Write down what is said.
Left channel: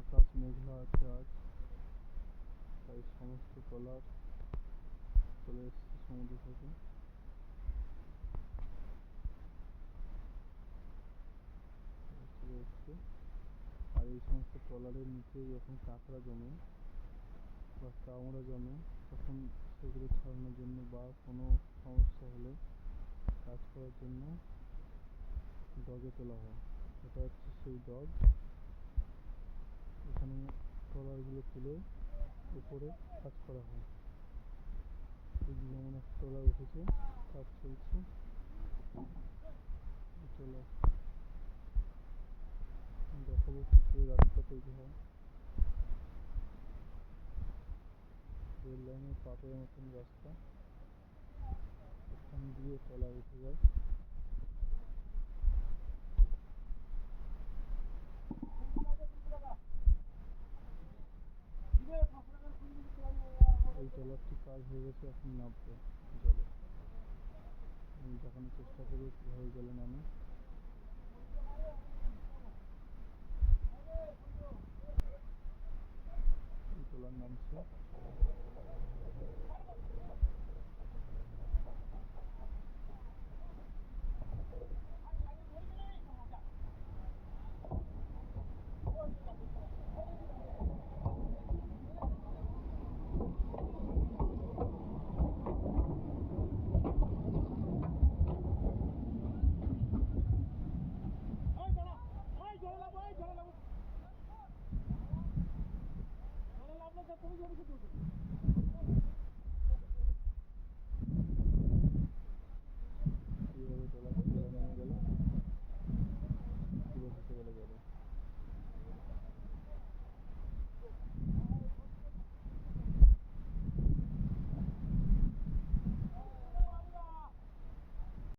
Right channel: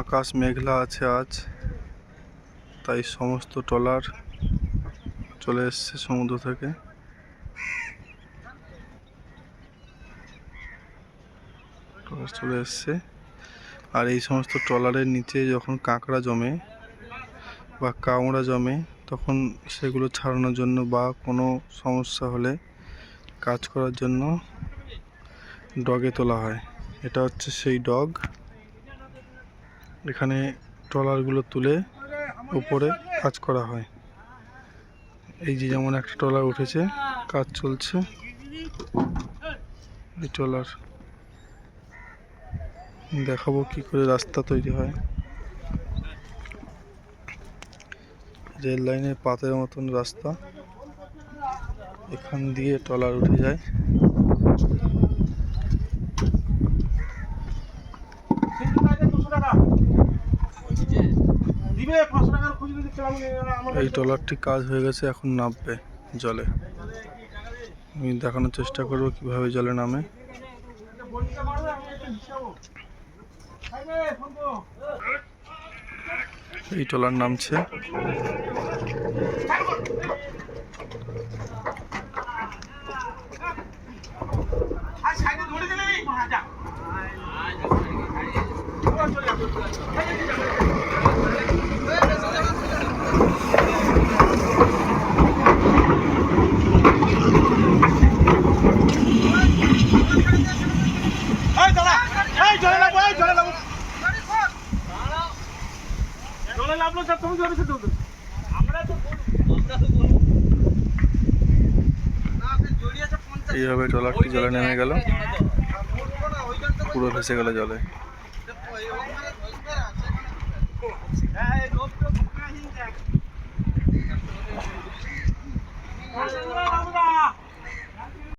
আকাশ মেঘলা আছে আজ, তাই সমস্ত ট্রলার চলে এসছে সমুদ্র থেকে। চলে এসছে আর এই সমস্ত ট্রলারের নিচে যখন কাঁকড়া জমে বা কাঁকড়া জমে তখন সেগুলো ছাড়ানোর জন্য বা কোনো সমস্যা হলে কাজ করার জন্য ডগে তোলা হয়। এটা হচ্ছে সেই ডগ। এখানে ট্রলারগুলো তুলে উপরে কাজ করা হয়। এই যে যেমন একটা ট্রলার উঠেছে, কাজ চলছে। এই ট্রলার দেখাবো কি করে রাস্তা তৈরি হয়। রেল লাইনের পাতের মতন রাস্তা, এখান দিয়ে ট্রলার উঠে যায়। এই ট্রলারটি কাজ হয়ে গেছে, এখন নামবে জলে। আমি দেখানোর চেষ্টা করব কিভাবে জলে নামে। এই ট্রলার নামছে। এইভাবে ট্রলারটি জলে নেমে গেল, পুরো ভেসে গেল জলে।